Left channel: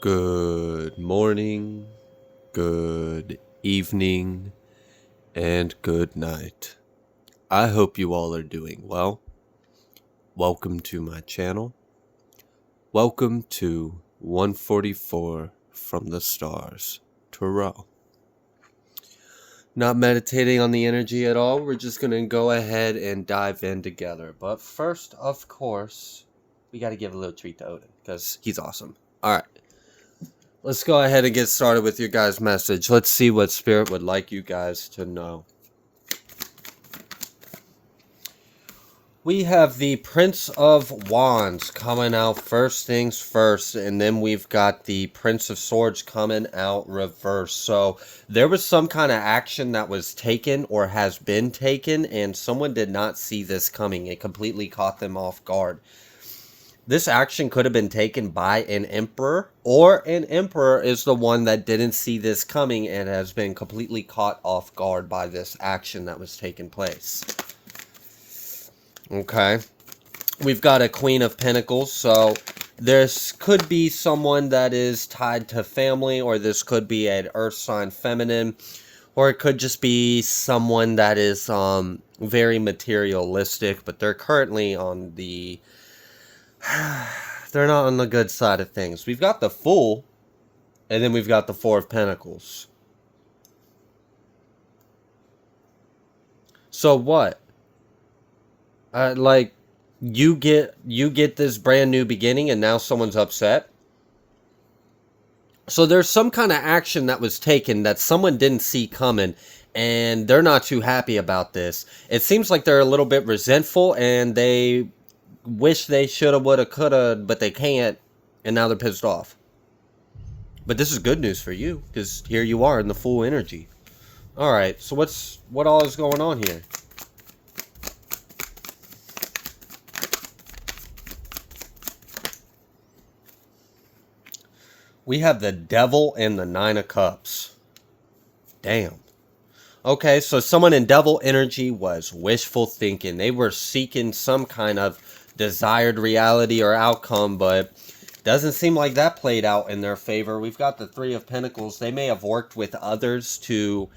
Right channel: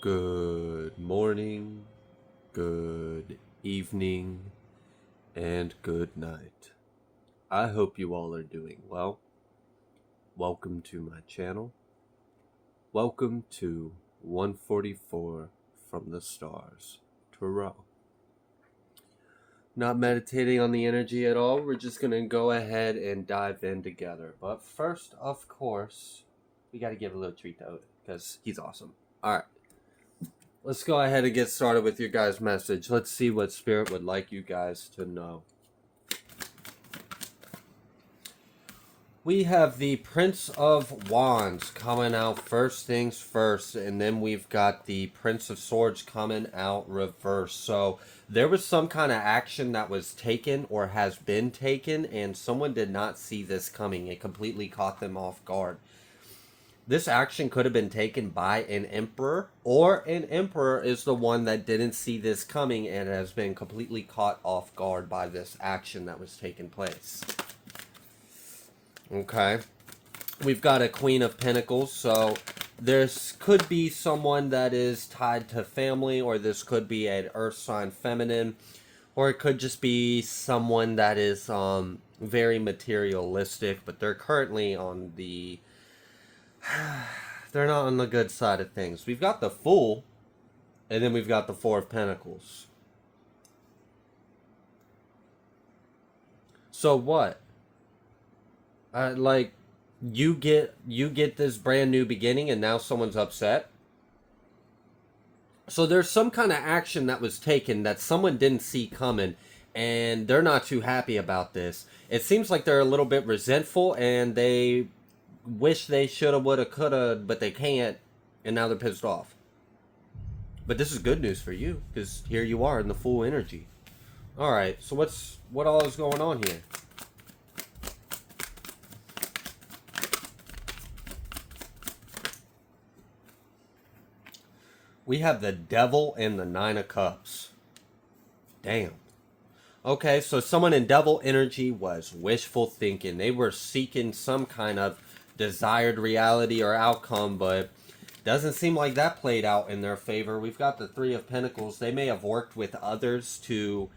Good morning, good evening, and good night. I hope you all are doing well. Welcome to my channel. Welcome to 144 from the Stars, Tarot. Not meditating on the energy at all. We're just going to go ahead and dive in together. But first, of course, we got to give a little treat to Odin because he's awesome. All right. Let's go ahead and get started with your guys' message. Let's see what Spirit would like you guys to know. We have the Prince of Wands coming out first things first, and then we've got the Prince of Swords coming out reverse. So there was some kind of action that was taken or has been taken, and someone did not see this coming. It completely caught them off guard. This action could have been taken by an emperor, or an emperor is the one that didn't see this coming and has been completely caught off guard by this action that was taking place. Okay. We've got a Queen of Pentacles, so this could be someone that is tied to family, or this could be an earth sign feminine, or it could just be someone that is very materialistic, but they're currently on the they're not on the good side of things. We've got the Fool, and then we've got the Four of Pentacles. So what? Like, you get this brand new beginning, and now someone's upset. So there's some kind of action that was taken that someone didn't see coming, and they're not too happy about this. It seems like they're a little bit resentful, and they wish they shoulda, woulda, coulda, but they can't, and now they're pissed off. But this is good news for you, because here you are in the full energy. Alright, so what all is going on here? We have the Devil and the Nine of Cups. Damn. Okay, so someone in Devil energy was wishful thinking. They were seeking some kind of desired reality or outcome, but doesn't seem like that played out in their favor. We've got the Three of Pentacles. They may have worked with others to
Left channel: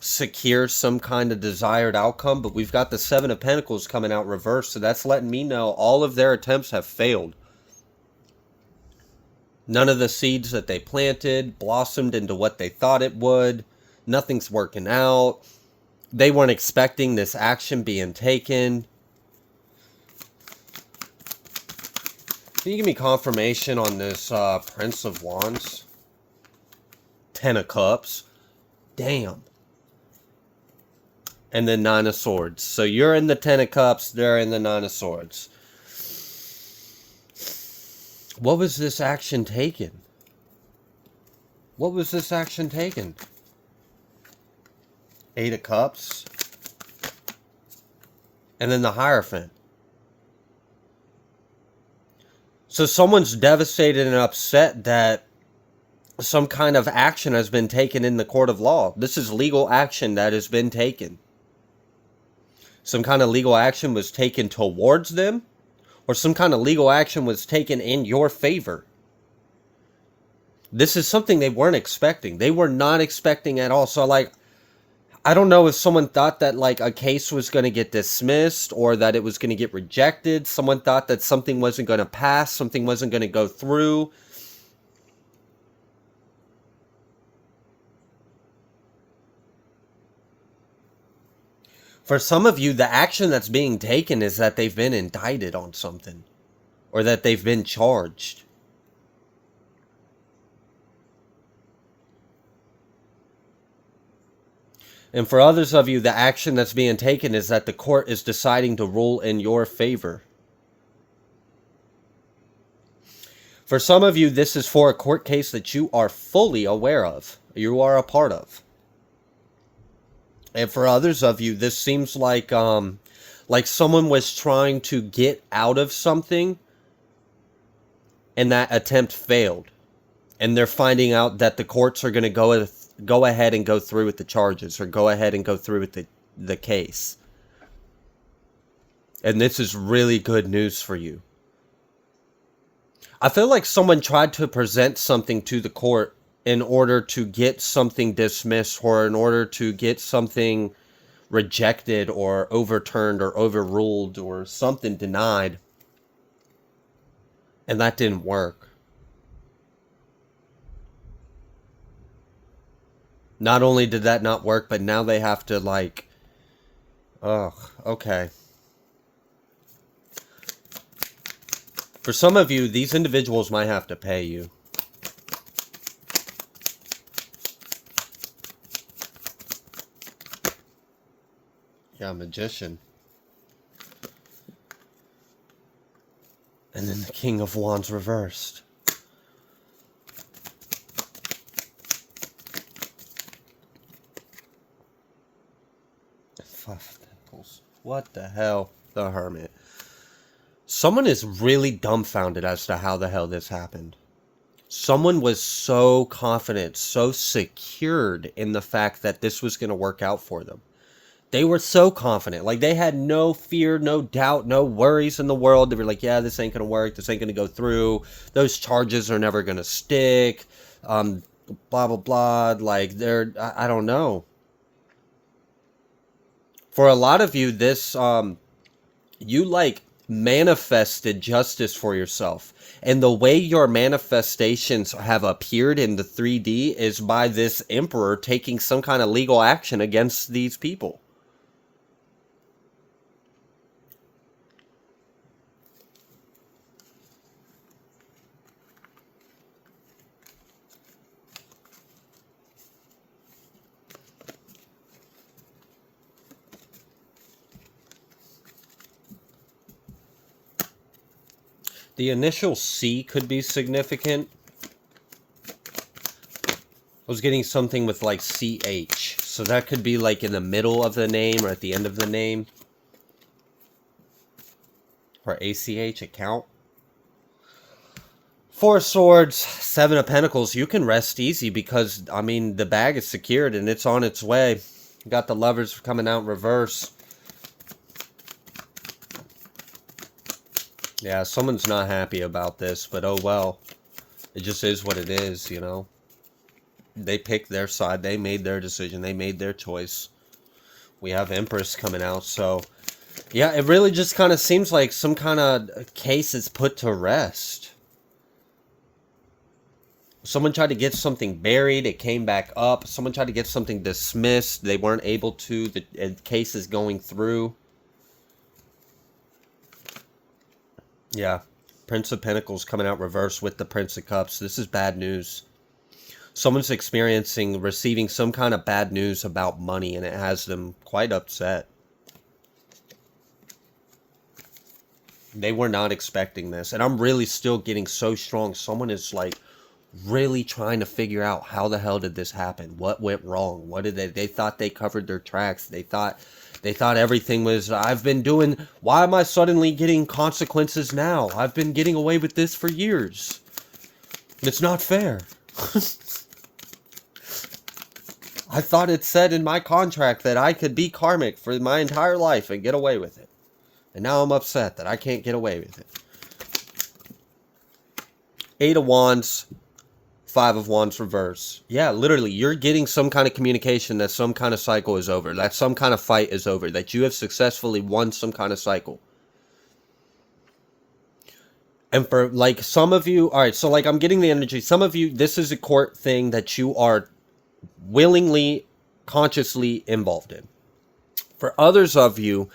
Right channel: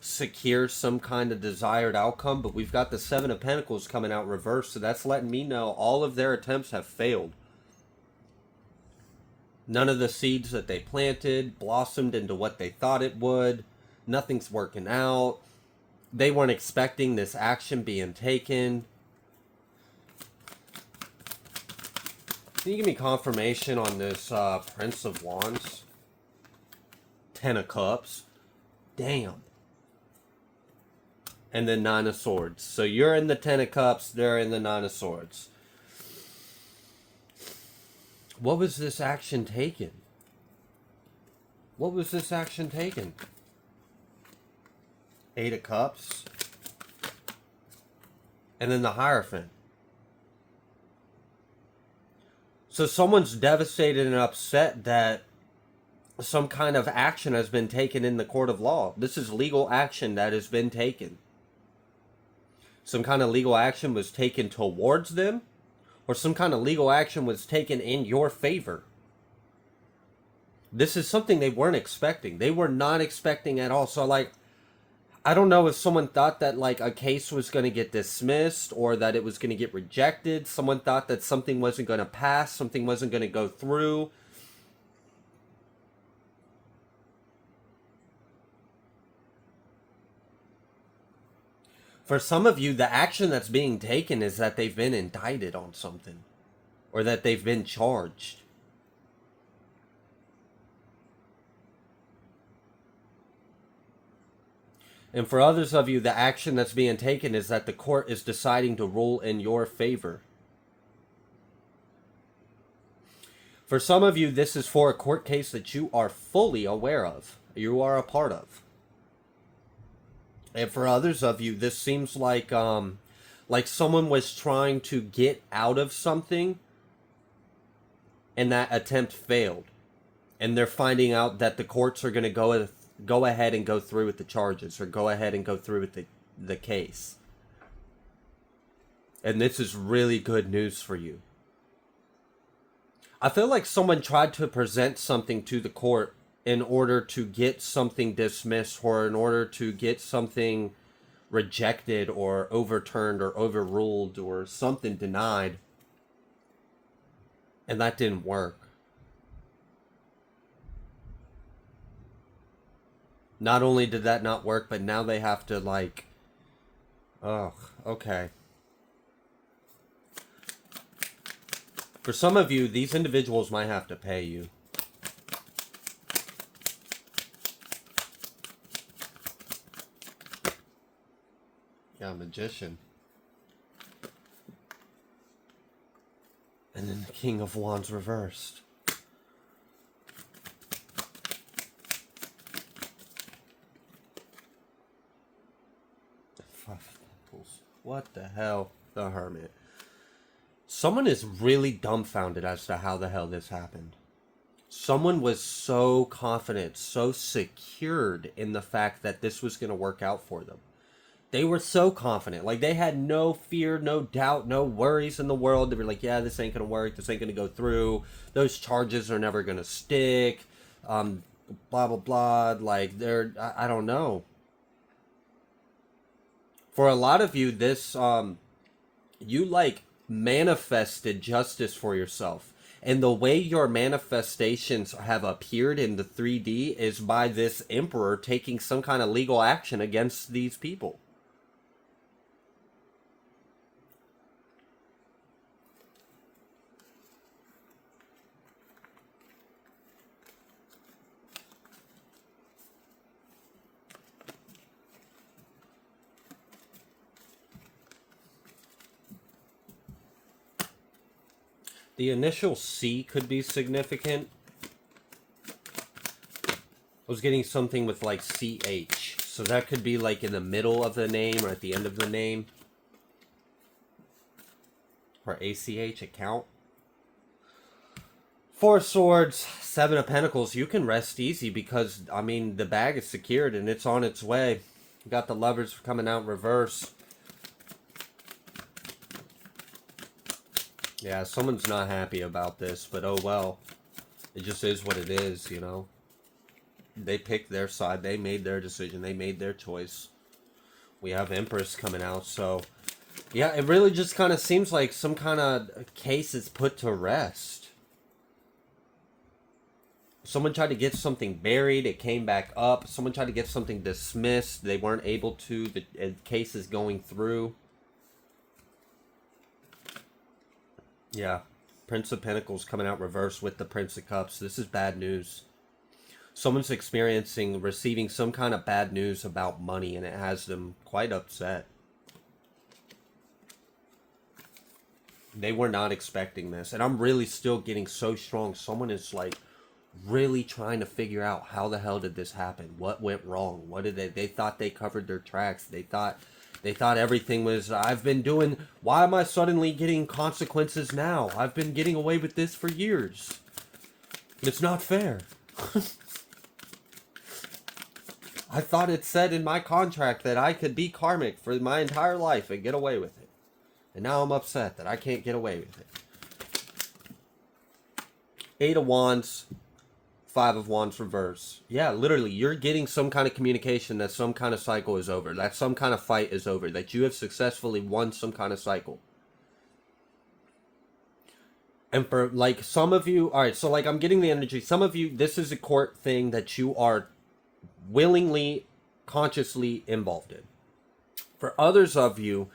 secure some kind of desired outcome, but we've got the Seven of Pentacles coming out reversed, so that's letting me know all of their attempts have failed. None of the seeds that they planted blossomed into what they thought it would. Nothing's working out. They weren't expecting this action being taken. Can you give me confirmation on this Prince of Wands? Ten of Cups. Damn. And then Nine of Swords. So you're in the Ten of Cups, they're in the Nine of Swords. What was this action taken? What was this action taken? Eight of Cups. And then the Hierophant. So someone's devastated and upset that some kind of action has been taken in the court of law. This is legal action that has been taken. Some kind of legal action was taken towards them, or some kind of legal action was taken in your favor. This is something they weren't expecting. They were not expecting at all. So, like, I don't know if someone thought that, like, a case was going to get dismissed or that it was going to get rejected. Someone thought that something wasn't going to pass, something wasn't going to go through. For some of you, the action that's being taken is that they've been indicted on something, or that they've been charged. And for others of you, the action that's being taken is that the court is deciding to rule in your favor. For some of you, this is for a court case that you are fully aware of, you are a part of. And for others of you, this seems like someone was trying to get out of something, and that attempt failed. And they're finding out that the courts are going to go ahead and go through with the charges, or go ahead and go through with the case. And this is really good news for you. I feel like someone tried to present something to the court in order to get something dismissed or in order to get something rejected or overturned or overruled or something denied, and that didn't work. Not only did that not work, but now they have to, like, ugh, okay. For some of you, these individuals might have to pay you. Yeah, magician. And then the King of Wands reversed. What the hell? The Hermit. Someone is really dumbfounded as to how the hell this happened. Someone was so confident, so secured in the fact that this was going to work out for them. They were so confident. Like, they had no fear, no doubt, no worries in the world. They were like, yeah, this ain't going to work. This ain't going to go through. Those charges are never going to stick. Blah, blah, blah. Like, I don't know. For a lot of you, this, you, like, manifested justice for yourself. And the way your manifestations have appeared in the 3D is by this emperor taking some kind of legal action against these people. The initial C could be significant. I was getting something with like CH. So that could be like in the middle of the name or at the end of the name. Or ACH, account. Four of Swords, Seven of Pentacles. You can rest easy because, I mean, the bag is secured and it's on its way. You got the Lovers coming out in reverse. Yeah, someone's not happy about this, but oh well. It just is what it is, you know. They picked their side. They made their decision. They made their choice. We have Empress coming out, so... yeah, it really just kind of seems like some kind of case is put to rest. Someone tried to get something buried. It came back up. Someone tried to get something dismissed. They weren't able to. The case is going through. Yeah, Prince of Pentacles coming out reversed with the Prince of Cups. This is bad news. Someone's receiving some kind of bad news about money, and it has them quite upset. They were not expecting this, and I'm really still getting so strong. Someone is like really trying to figure out how the hell did this happen? What went wrong? What did they thought they covered their tracks. They thought everything was, I've been doing, why am I suddenly getting consequences now? I've been getting away with this for years. It's not fair. I thought it said in my contract that I could be karmic for my entire life and get away with it. And now I'm upset that I can't get away with it. Eight of Wands, Five of Wands reverse. Yeah, literally, you're getting some kind of communication that some kind of cycle is over. That some kind of fight is over. That you have successfully won some kind of cycle. And for, like, some of you... alright, so, like, I'm getting the energy. Some of you, this is a court thing that you are willingly, consciously involved in. For others of you,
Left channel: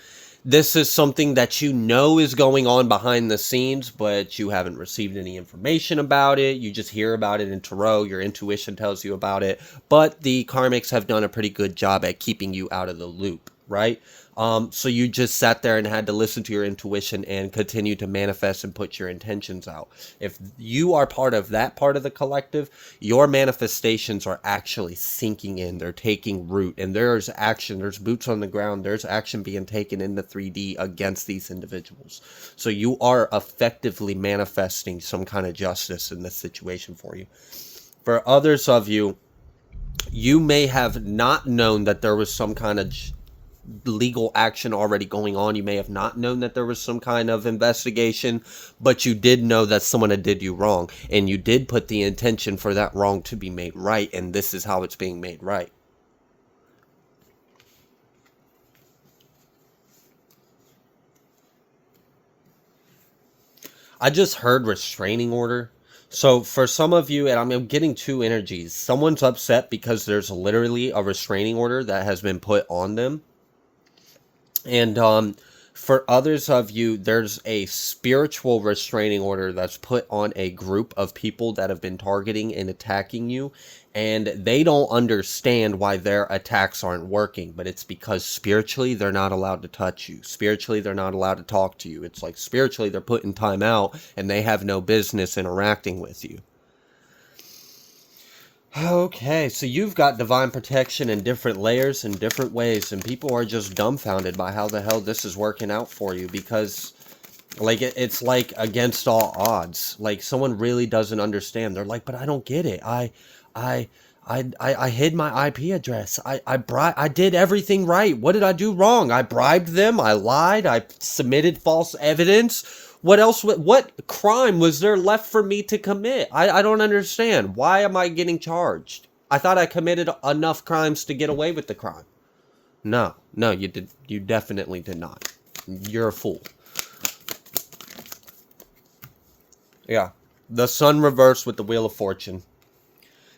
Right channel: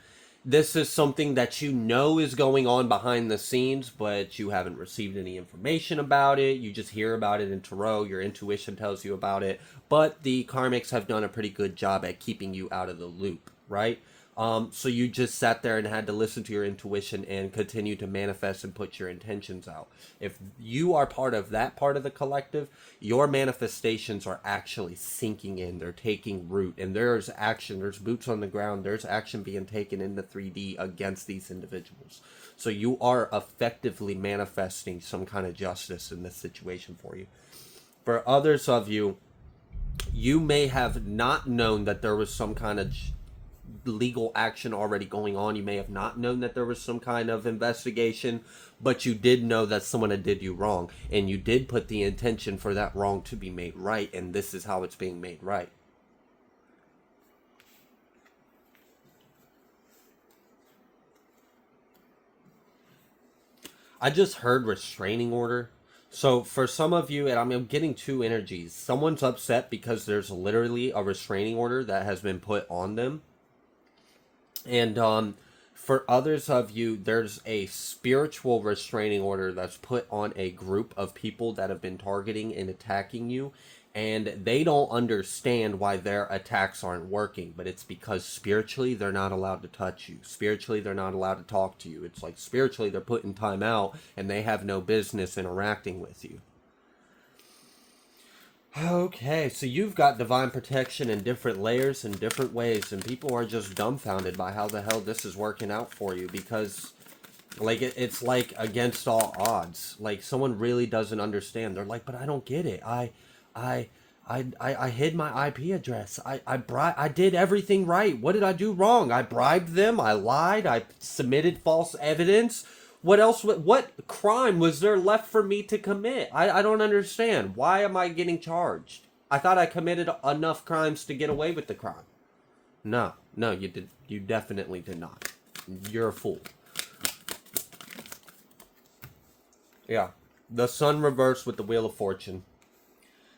this is something that you know is going on behind the scenes, but you haven't received any information about it. You just hear about it in tarot. Your intuition tells you about it. But the karmics have done a pretty good job at keeping you out of the loop, right? So you just sat there and had to listen to your intuition and continue to manifest and put your intentions out. If you are part of that part of the collective, your manifestations are actually sinking in. They're taking root, and there's action. There's boots on the ground. There's action being taken in the 3D against these individuals. So you are effectively manifesting some kind of justice in this situation for you. For others of you, you may have not known that there was some kind of legal action already going on. You may have not known that there was some kind of investigation, but you did know that someone had did you wrong, and you did put the intention for that wrong to be made right, and this is how it's being made right. I just heard restraining order. So for some of you, and I'm getting two energies. Someone's upset because there's literally a restraining order that has been put on them. And for others of you, there's a spiritual restraining order that's put on a group of people that have been targeting and attacking you. And they don't understand why their attacks aren't working, but it's because spiritually they're not allowed to touch you. Spiritually, they're not allowed to talk to you. It's like spiritually they're putting time out and they have no business interacting with you. Okay, so you've got divine protection in different layers and different ways, and people are just dumbfounded by how the hell this is working out for you, because like it's like against all odds. Like someone really doesn't understand. They're like, but I don't get it. I I hid my IP address. I did everything right. What did I do wrong? I bribed them. I lied. I submitted false evidence. What else? What crime was there left for me to commit? I don't understand. Why am I getting charged? I thought I committed enough crimes to get away with the crime. No, no, you did. You definitely did not. You're a fool. Yeah. The sun reversed with the Wheel of Fortune.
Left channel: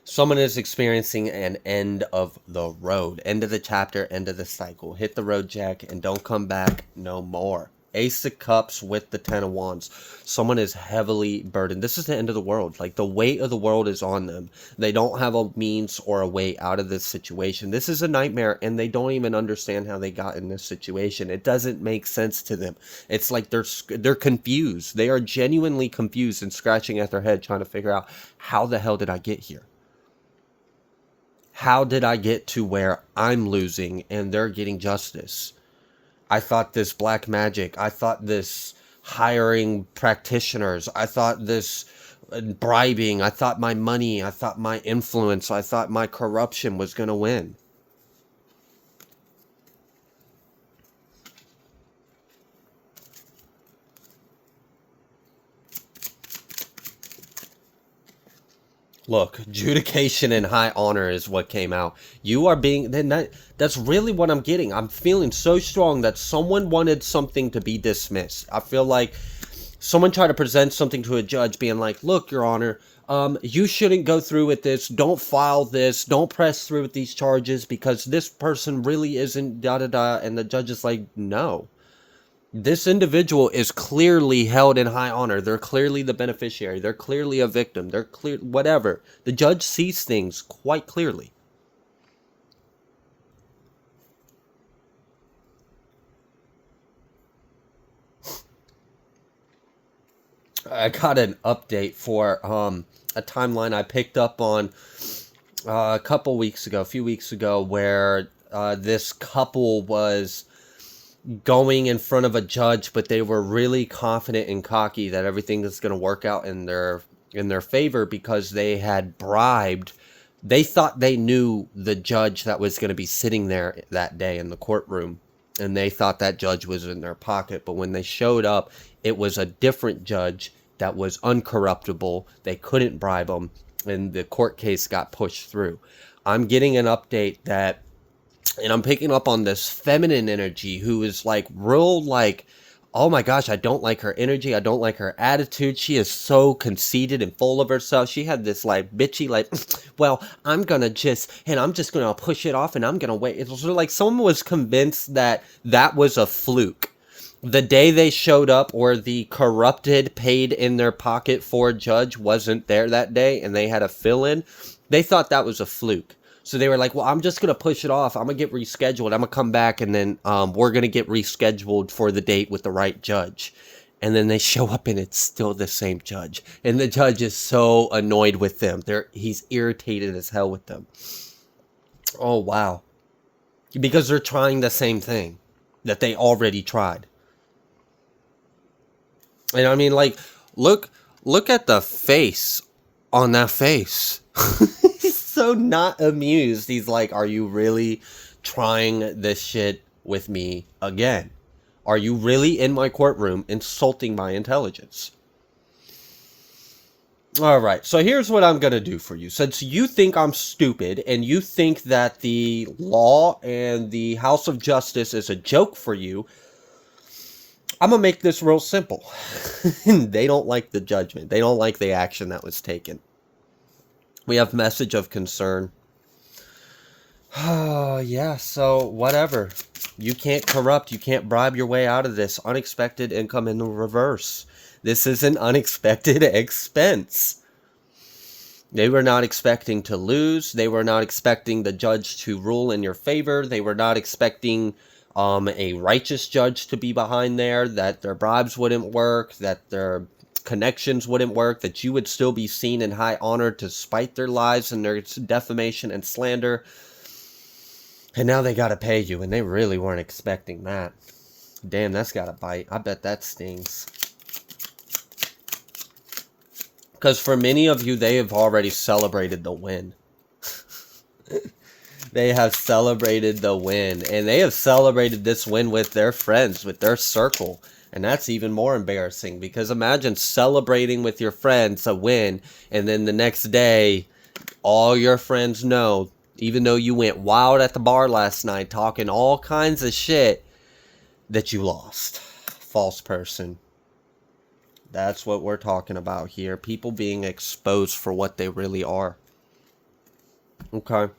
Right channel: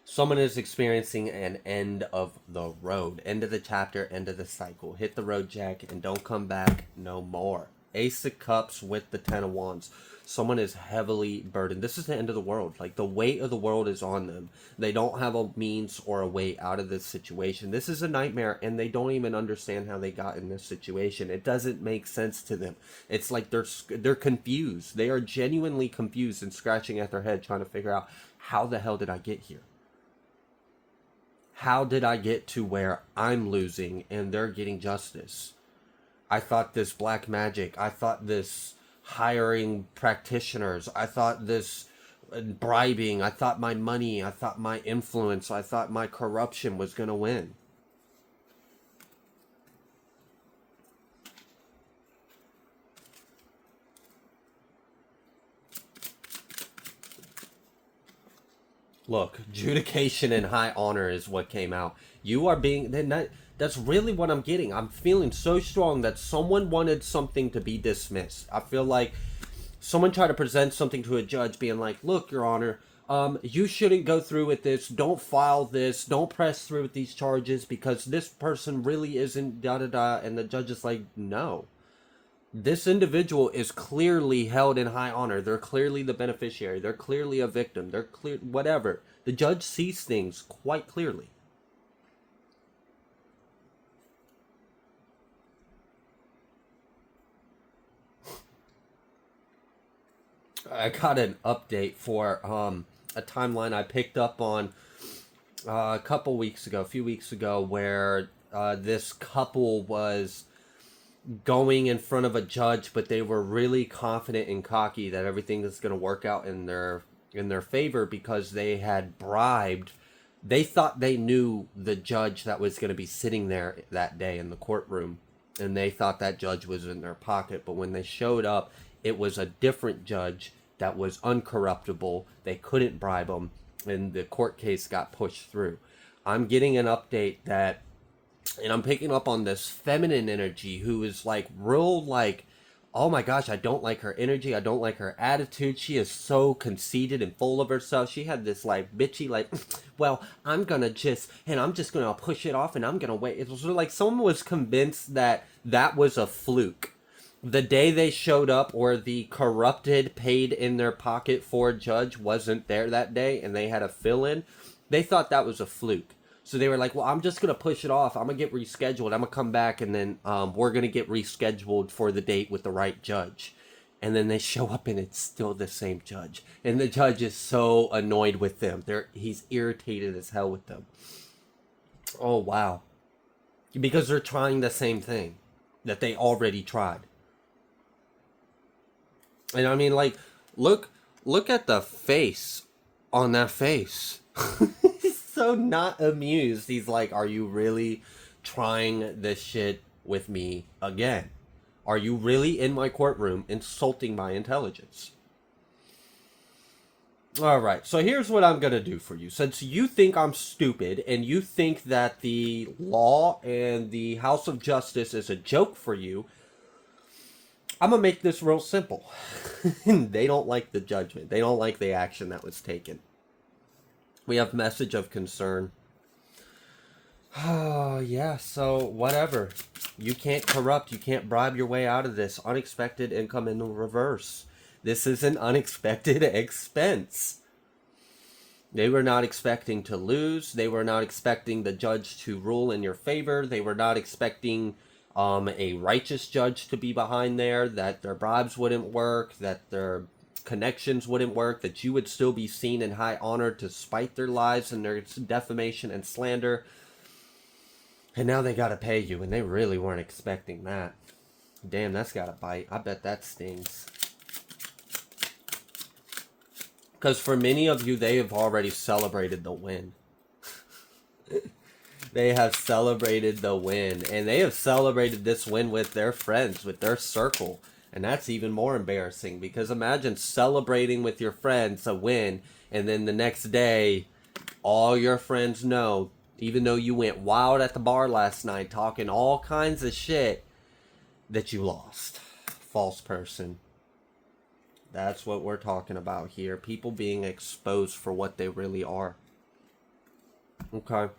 Someone is experiencing an end of the road, end of the chapter, end of the cycle. Hit the road, Jack, and don't come back no more. Ace of Cups with the Ten of Wands. Someone is heavily burdened. This is the end of the world. Like, the weight of the world is on them. They don't have a means or a way out of this situation. This is a nightmare, and they don't even understand how they got in this situation. It doesn't make sense to them. It's like they're confused. They are genuinely confused and scratching at their head trying to figure out, how the hell did I get here? How did I get to where I'm losing and they're getting justice? I thought this black magic, I thought this hiring practitioners, I thought this bribing, I thought my money, I thought my influence, I thought my corruption was going to win. Look, adjudication and high honor is what came out. You are being, that's really what I'm getting. I'm feeling so strong that someone wanted something to be dismissed. I feel like someone tried to present something to a judge being like, look, Your Honor, you shouldn't go through with this. Don't file this. Don't press through with these charges because this person really isn't da-da-da. And the judge is like, no. This individual is clearly held in high honor. They're clearly the beneficiary. They're clearly a victim. They're clear, whatever. The judge sees things quite clearly. I got an update for a timeline I picked up on a few weeks ago, where this couple was going in front of a judge, but they were really confident and cocky that everything is going to work out in their favor because they had bribed. They thought they knew the judge that was going to be sitting there that day in the courtroom, and they thought that judge was in their pocket. But when they showed up, it was a different judge that was uncorruptible. They couldn't bribe him, and the court case got pushed through. I'm getting an update that, and I'm picking up on this feminine energy who is like real, like, oh my gosh, I don't like her energy. I don't like her attitude. She is so conceited and full of herself. She had this like bitchy, like, well, I'm just gonna push it off and I'm gonna wait. It was like someone was convinced that that was a fluke. The day they showed up, or the corrupted paid in their pocket for judge wasn't there that day and they had a fill-in, they thought that was a fluke. So they were like, well, I'm just going to push it off. I'm going to get rescheduled. I'm going to come back, and then we're going to get rescheduled for the date with the right judge. And then they show up, and it's still the same judge. And the judge is so annoyed with them. He's irritated as hell with them. Oh, wow. Because they're trying the same thing that they already tried. And I mean, like, look at the face on that face. So not amused. He's like, are you really trying this shit with me again? Are you really in my courtroom insulting my intelligence? All right, so here's what I'm going to do for you. Since you think I'm stupid and you think that the law and the House of Justice is a joke for you, I'm going to make this real simple. They don't like the judgment. They don't like the action that was taken. We have message of concern. Oh, yeah, so whatever. You can't corrupt, you can't bribe your way out of this. Unexpected income in the reverse. This is an unexpected expense. They were not expecting to lose. They were not expecting the judge to rule in your favor. They were not expecting a righteous judge to be behind there, that their bribes wouldn't work, that their connections wouldn't work, that you would still be seen in high honor despite their lies and their defamation and slander. And now they got to pay you, and they really weren't expecting that. Damn, that's got to bite. I bet that stings. Because for many of you, they have already celebrated the win. They have celebrated the win. And they have celebrated this win with their friends, with their circle. And that's even more embarrassing. Because imagine celebrating with your friends a win. And then the next day, all your friends know, even though you went wild at the bar last night, talking all kinds of shit, that you lost. False person. That's what we're talking about here. People being exposed for what they really are. Okay.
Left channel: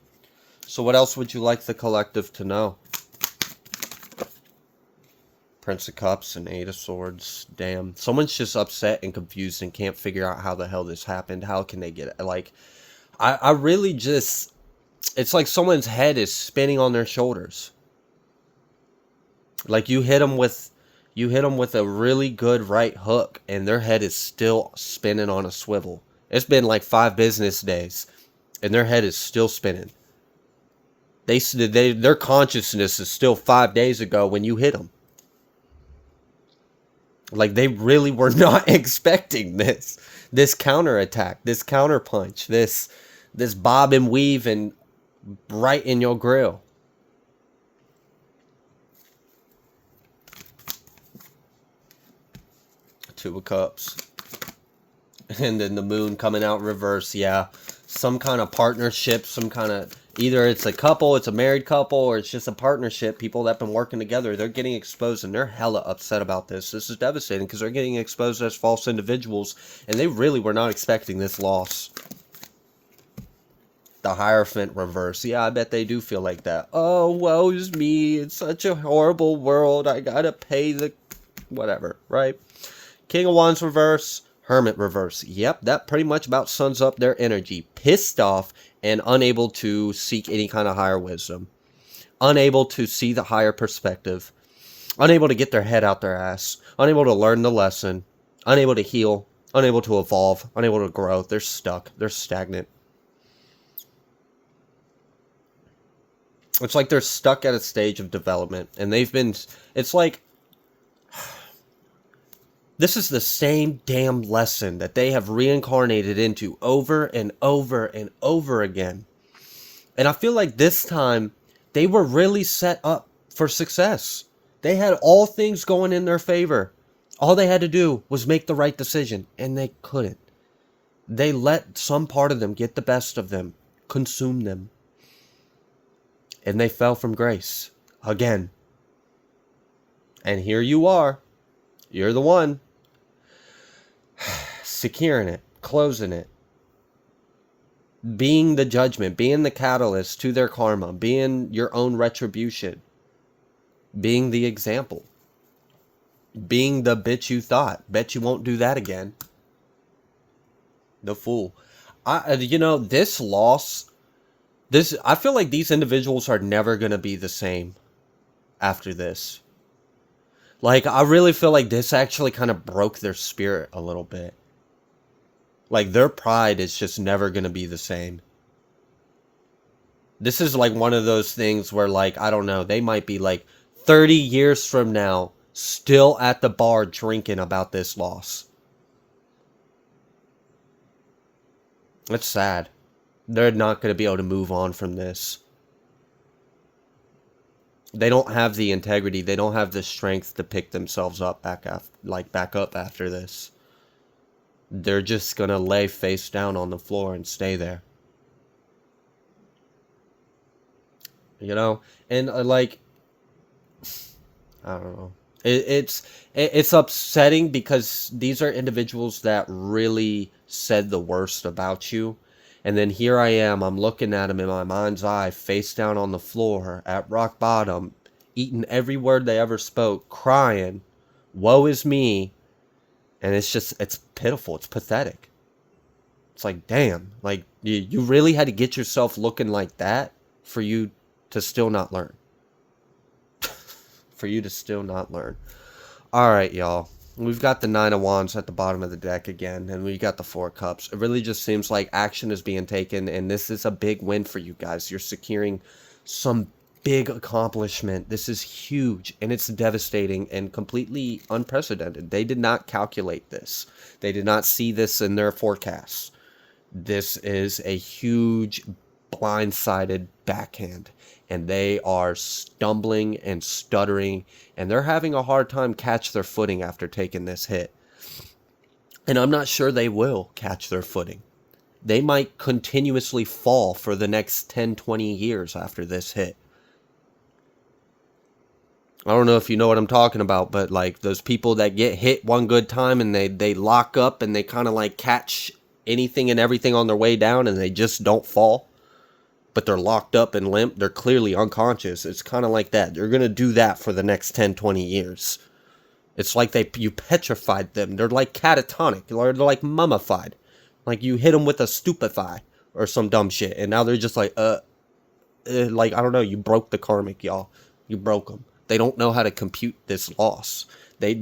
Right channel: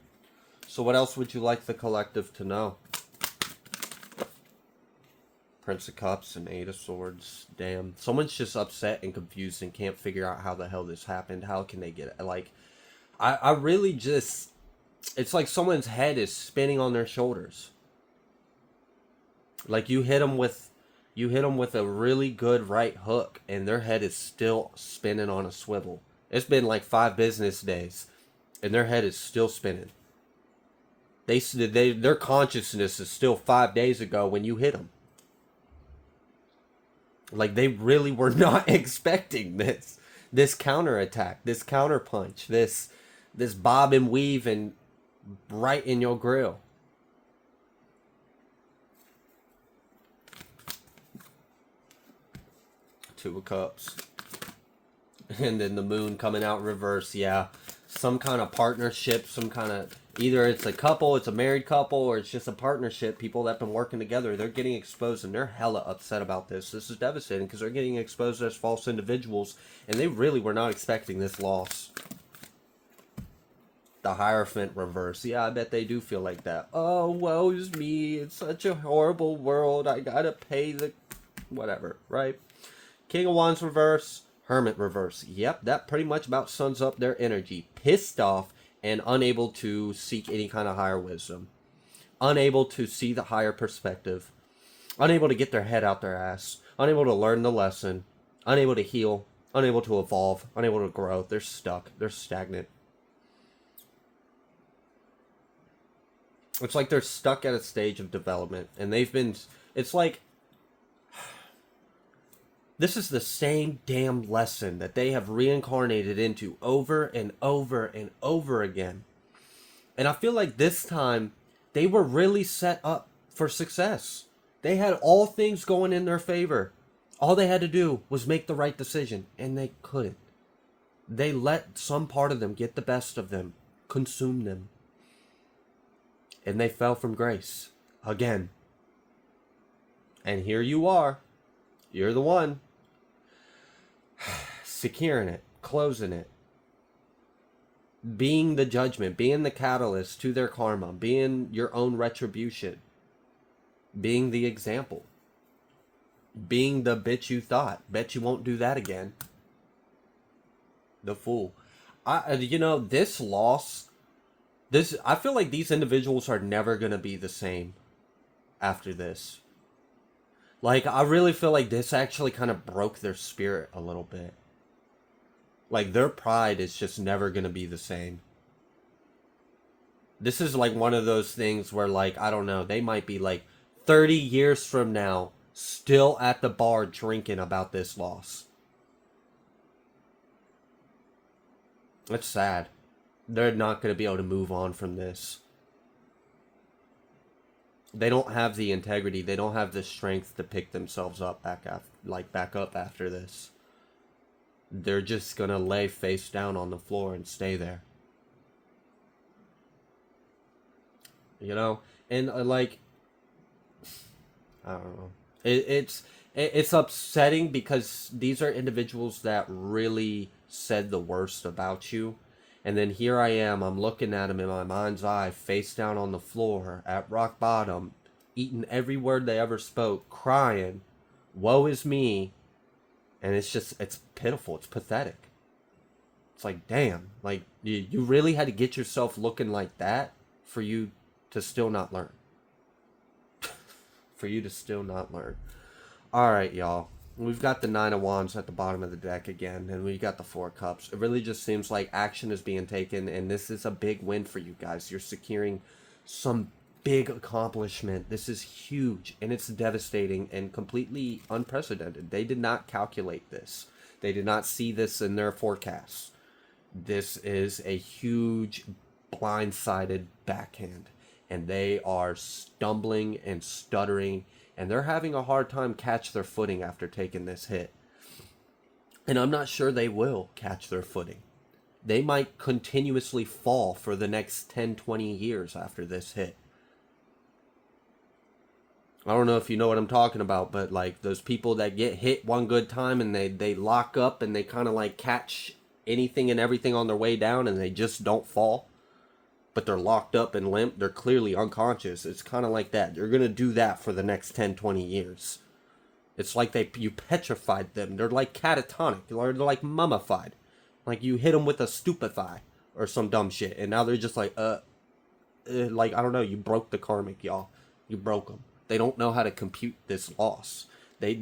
So what else would you like the collective to know? Prince of Cups and Eight of Swords. Damn. Someone's just upset and confused and can't figure out how the hell this happened. How can they get it? Like, I really just... It's like someone's head is spinning on their shoulders. Like you hit them with a really good right hook and their head is still spinning on a swivel. It's been like 5 business days and their head is still spinning. Their consciousness is still 5 days ago when you hit them. Like they really were not expecting this counterattack, this counterpunch, this bob and weave and right in your grill. Two of Cups. And then the moon coming out reverse. Yeah. Some kind of partnership, some kind of... Either it's a couple, it's a married couple, or it's just a partnership. People that have been working together, they're getting exposed and they're hella upset about this. This is devastating because they're getting exposed as false individuals. And they really were not expecting this loss. The Hierophant reverse. Yeah, I bet they do feel like that. Oh, woe's me. It's such a horrible world. I gotta pay the... Whatever, right? King of Wands reverse. Hermit reverse. Yep, that pretty much about sums up their energy. Pissed off and unable to seek any kind of higher wisdom. Unable to see the higher perspective. Unable to get their head out their ass. Unable to learn the lesson. Unable to heal. Unable to evolve. Unable to grow. They're stuck. They're stagnant. It's like they're stuck at a stage of development. And they've been... It's like... This is the same damn lesson that they have reincarnated into over and over and over again. And I feel like this time, they were really set up for success. They had all things going in their favor. All they had to do was make the right decision, and they couldn't. They let some part of them get the best of them, consume them. And they fell from grace. Again. And here you are. You're the one. Securing it, closing it, being the judgment, being the catalyst to their karma, being your own retribution, being the example, being the bitch you thought. Bet you won't do that again. The Fool. This loss, I feel like these individuals are never going to be the same after this. Like, I really feel like this actually kind of broke their spirit a little bit. Like, their pride is just never going to be the same. This is like one of those things where, like, I don't know, they might be like 30 years from now still at the bar drinking about this loss. It's sad. They're not going to be able to move on from this. They don't have the integrity. They don't have the strength to pick themselves up back up after this. They're just gonna lay face down on the floor and stay there. You know, and like I don't know. It's upsetting because these are individuals that really said the worst about you, and then here I am. I'm looking at them in my mind's eye, face down on the floor at rock bottom, eating every word they ever spoke, crying, "Woe is me," and it's pitiful. It's pathetic. It's like, damn, like you really had to get yourself looking like that for you to still not learn. For you to still not learn. All right, y'all. We've got the Nine of Wands at the bottom of the deck again, and we got the Four of Cups. It really just seems like action is being taken, and this is a big win for you guys. You're securing some big accomplishment. This is huge, and it's devastating and completely unprecedented. They did not calculate this. They did not see this in their forecasts. This is a huge blindsided backhand, and they are stumbling and stuttering, and they're having a hard time catch their footing after taking this hit. And I'm not sure they will catch their footing. They might continuously fall for the next 10, 20 years after this hit. I don't know if you know what I'm talking about, but like those people that get hit one good time and they lock up and they kind of like catch anything and everything on their way down and they just don't fall, but they're locked up and limp. They're clearly unconscious. It's kind of like that. They're going to do that for the next 10, 20 years. It's like you petrified them. They're like catatonic. They're like mummified. Like you hit them with a stupefy or some dumb shit. And now they're just like, like, I don't know. You broke the karmic, y'all. You broke them. They don't know how to compute this loss. They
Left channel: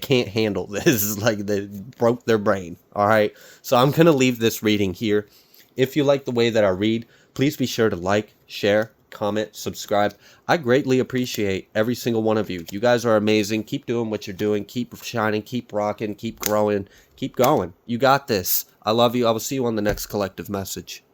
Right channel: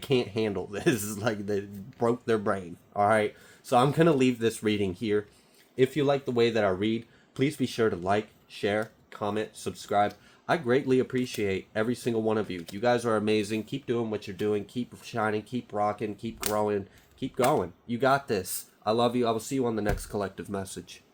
can't handle this. Like they broke their brain. All right. So I'm going to leave this reading here. If you like the way that I read, please be sure to like, share, comment, subscribe. I greatly appreciate every single one of you. You guys are amazing. Keep doing what you're doing. Keep shining. Keep rocking. Keep growing. Keep going. You got this. I love you. I will see you on the next collective message.